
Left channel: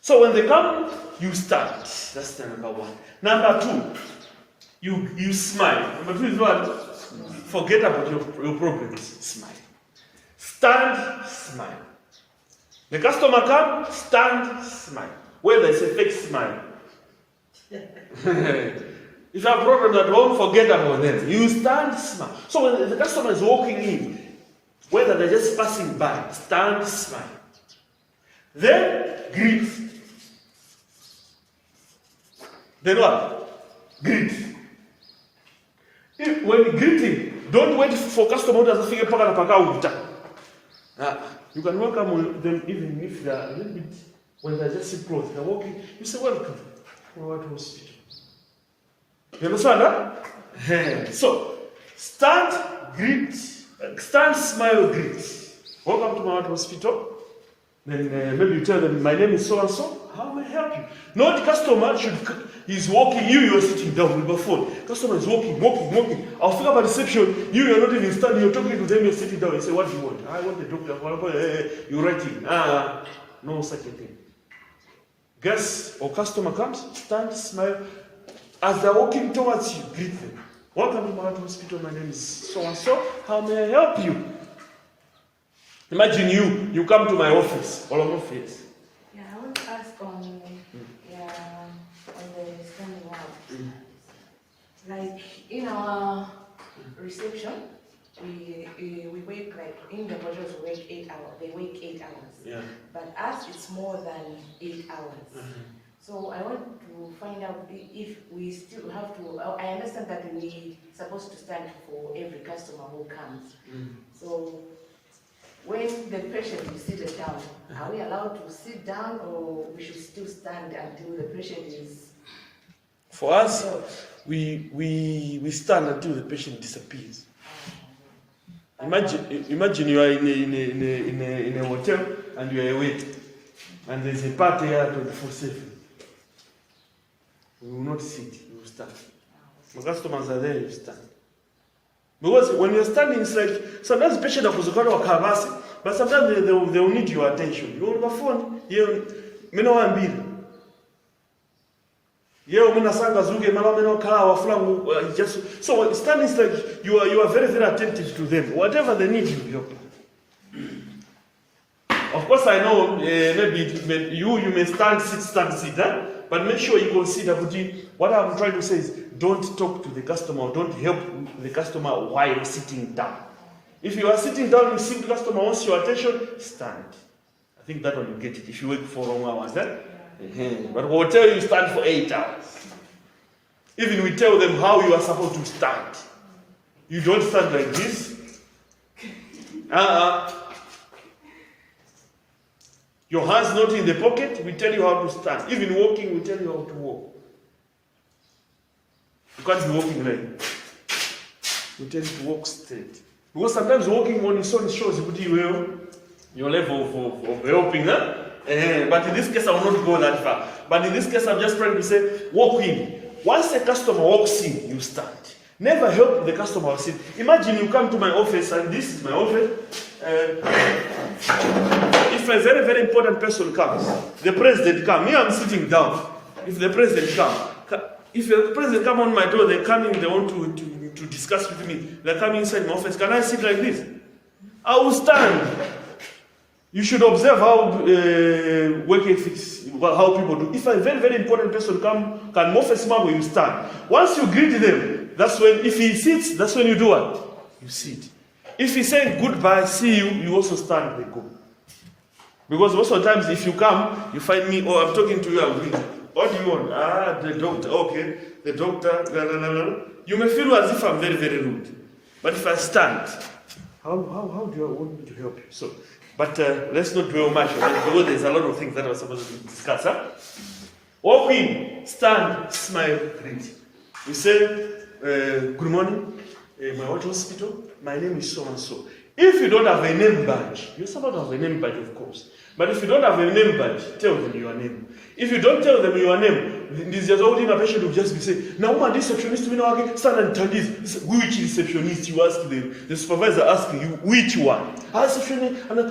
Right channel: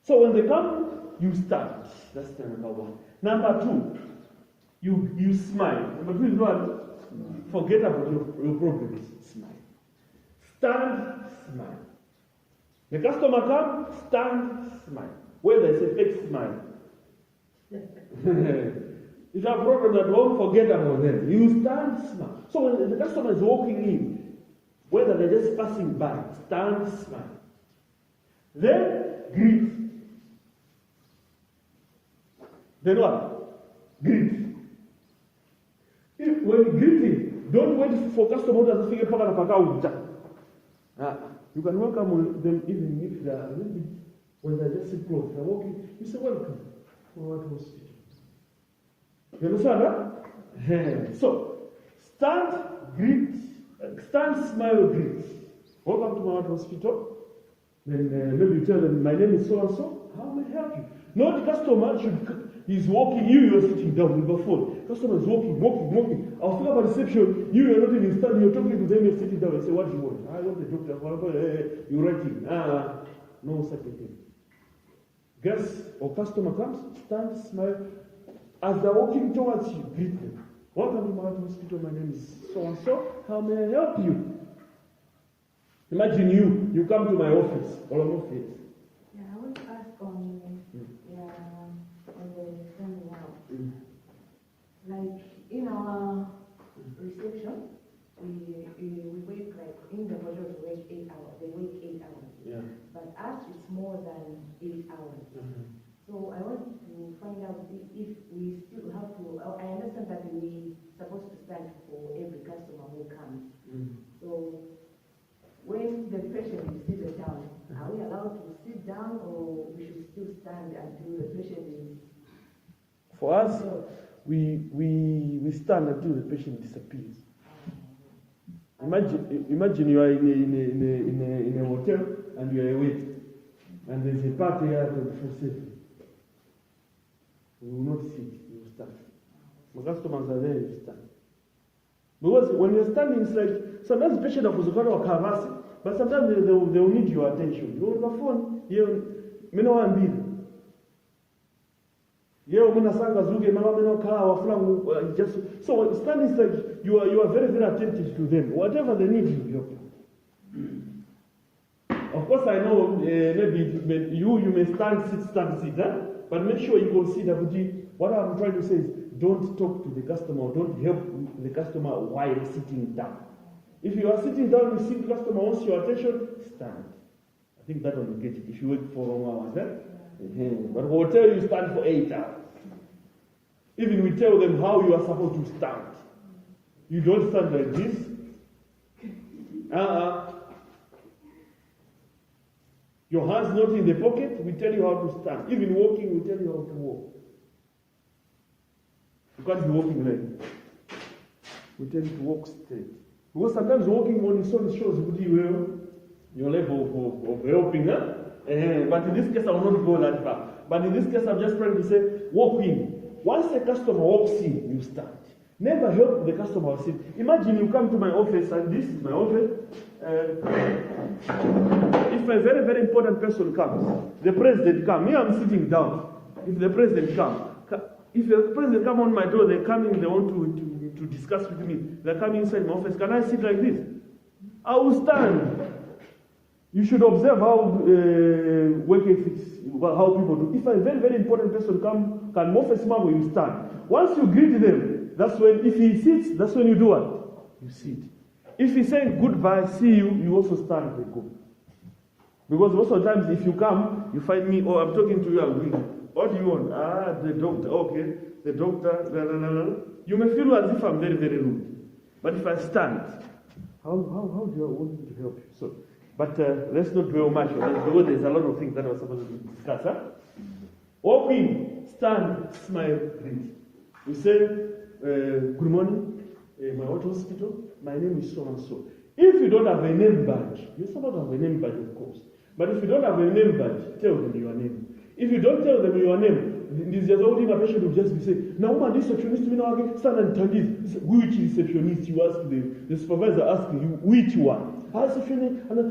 So when they come, you stand. That's the number one. Number two, you smile. Number two is what? Forget about your problems. Smile. Stand, smile. The customer comes, stand, smile. Whether it's a fake smile. If you have problems at home, forget about them. You stand, smile. So when the customer is walking in, whether they're just passing by, stand, smile. Then greet. Then what? Greet. When greeting, don't wait for customer to figure out. You can welcome them even if they are a little bit, when they're just close, they're walking, you say welcome from what hospital. You understand that? So, stand, greet, stand, smile, greet. Welcome to my hospital. Then maybe you tell them, my name is so and so. How may I help you? Not customer he's walking, you're sitting down with your phone. Customer is walking. I'll figure about reception. You're not even standing, you're talking to them, you're sitting down. You say, what do you want? I want the doctor. You're writing. No such a thing. Guest or customer comes, stand, smile. As they're walking towards you, greet them. Welcome to my hospital. My name is so and so. How may I help you? Imagine you come to my office, all of your face. Yeah, I want to ask on the standing up. Like in our reception, we work like in the hotels we work 8 hours. They work 8 hours. Yeah. But us it's more than 8 hours. So I want to find out if we still have to. I understand that we're supposed to stand for every customer who comes. So when the patient is seated down, are we allowed to sit down or we should still stand until the patient is? For us, we stand until the patient disappears. Imagine you are in a hotel and you are away, and there's a party here 24/7. We will not sit, we will stand. The customers are there, you stand. Because when you're standing, it's like sometimes the patient are, but sometimes they will need your attention. You on the phone, so standing is like you are very, very attentive to them. Whatever they need, you help them. Of course, I know maybe you may stand, sit, but make sure you consider what I'm trying to say is don't talk to the customer, don't help the customer while sitting down. If you are sitting down, you see the customer wants your attention, stand. I think that one you get it if you work for long hours. But we'll tell you stand for 8 hours. Even we tell them how you are supposed to stand. You don't stand like this. Your hands not in the pocket, we tell you how to stand. Even walking, we tell you how to walk. You can't be walking like that. We tell you to walk straight. Because sometimes walking on its own shows your level of helping. But in this case, I will not go that far. But in this case, I'm just trying to say, walk in. Once a customer walks in, you stand. Never help the customer sit. Imagine you come to my office, and this is my office. If a very, very important person comes, the president comes, me I'm sitting down. If the president comes, if the president comes on my door, they come in, they want to discuss with me. They come inside my office. Can I sit like this? I will stand. You should observe how work ethics, how people do. If a very, very important person come, can move a smile when you stand. Once you greet them, that's when, if he sits, that's when you do what? You sit. If he says goodbye, see you, you also stand, they go. Because most of the times, if you come, you find me, I'm talking to you, I'm greeting. What do you want? The doctor, okay. the doctor, blah, blah, blah, blah. You may feel as if I'm very, very rude. But if I stand, how do you want me to help you? So, but let's not dwell much on it because there's a lot of things that we're supposed to discuss. Huh? Walk in, stand, smile, greet. You say, good morning, my what hospital? My name is so-and-so. If you don't have a name badge, you're supposed to have a name badge, of course. But if you don't have a name badge, tell them your name. If you don't tell them your name, this just all the patient will just be saying, now man, this receptionist, we know again, stand and tell this. Which receptionist you ask them? The supervisor asking you, which one? Receptionist, no,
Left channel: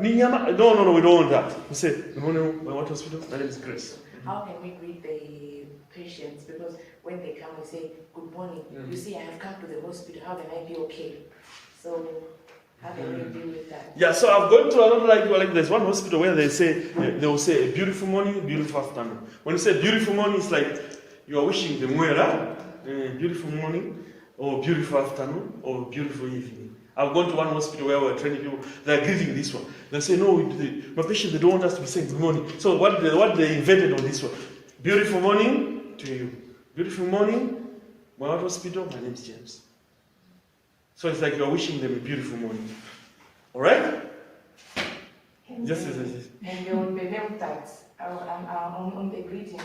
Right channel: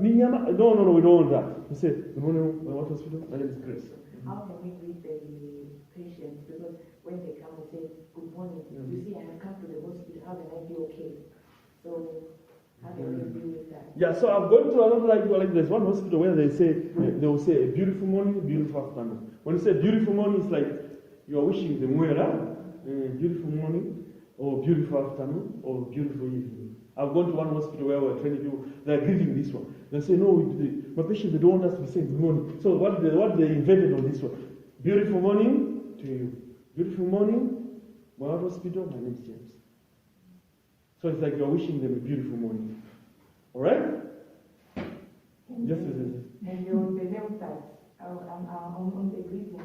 we don't want that. You say, good morning, my what hospital? My name is Grace. How can we greet the patients? Because when they come, we say, good morning. You see, I have come to the hospital. How can I be okay? So, how can we deal with that? Yeah, so I've gone to a lot like there's one hospital where they will say a beautiful morning, beautiful afternoon. When you say beautiful morning, it's like you are wishing them well, beautiful morning, or beautiful afternoon, or beautiful evening. I've gone to one hospital where we're training people, they're greeting this one. They say, no, my patient, they don't want us to be saying good morning. So what they invented on this one, beautiful morning to you. Beautiful morning, my hospital, my name is James. So it's like you're wishing them a beautiful morning. All right? Yes. And on the name tags, on the greetings,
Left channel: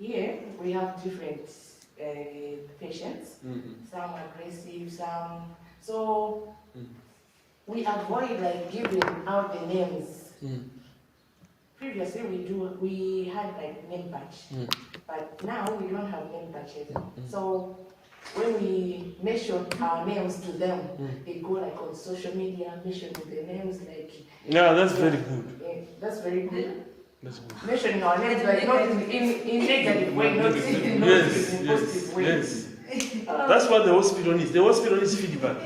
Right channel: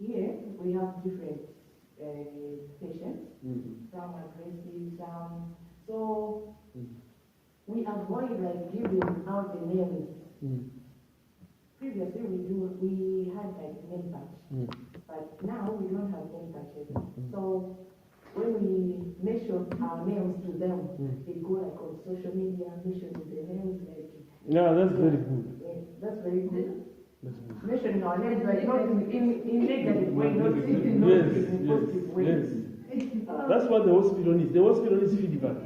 here we have different patients. Some aggressive, some. So we avoid like giving out the names. Previously we had like name badge, but now we don't have name badges. So when we mention our names to them, they go like on social media, mentioning the names like. Yeah, that's very good. Yeah, that's very good. That's good. Mentioning our names, like not in negative way, not in positive way. Yes. That's what the hospital needs. The hospital needs feedback.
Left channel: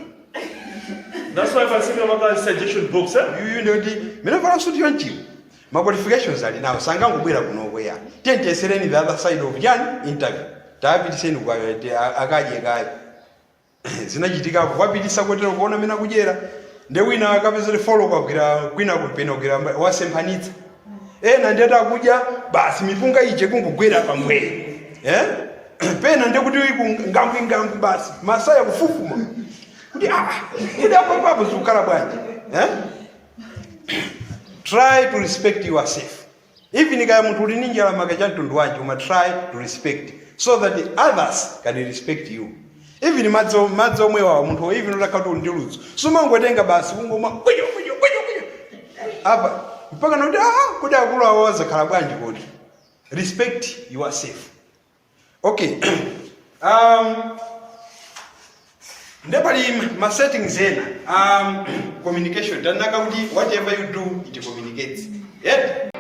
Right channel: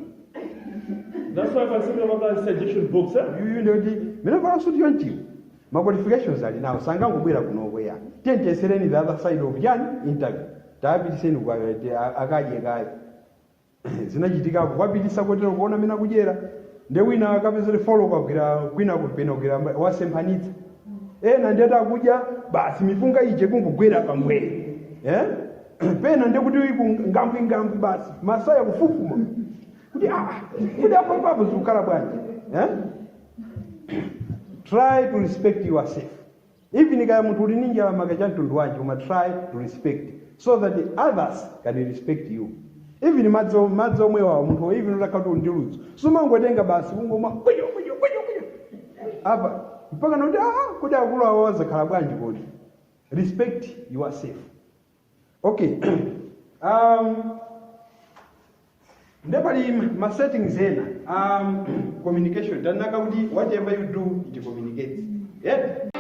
That's why if I say about suggestion books, You know, the suit you want you. My qualifications are now. Sangam will be up nowhere. 10 days in the other side of Yan interview. David Sen, a guy. Zinajitika, what be disappointed of one mina Gujera. The winner comes the follow up, winner with Penogram, was some Hanit. And then Abuja, but Mipunga Ijekum Guera from way. Eh? Pen and they would do Gamping Gam Bass, Masaya Fufuma. Try to respect yourself. Even if you must try to respect so that the others can respect you. Even madzo mwewa muntu even unataka nduluzu. Suma ngwetenga basi ngoma. Aba mpaka nodi kuda kula waza kala bwanji kodi. Respect yourself. Okay. Nepali my settings here. Communication. Whatever you do, it communicates. Yeah.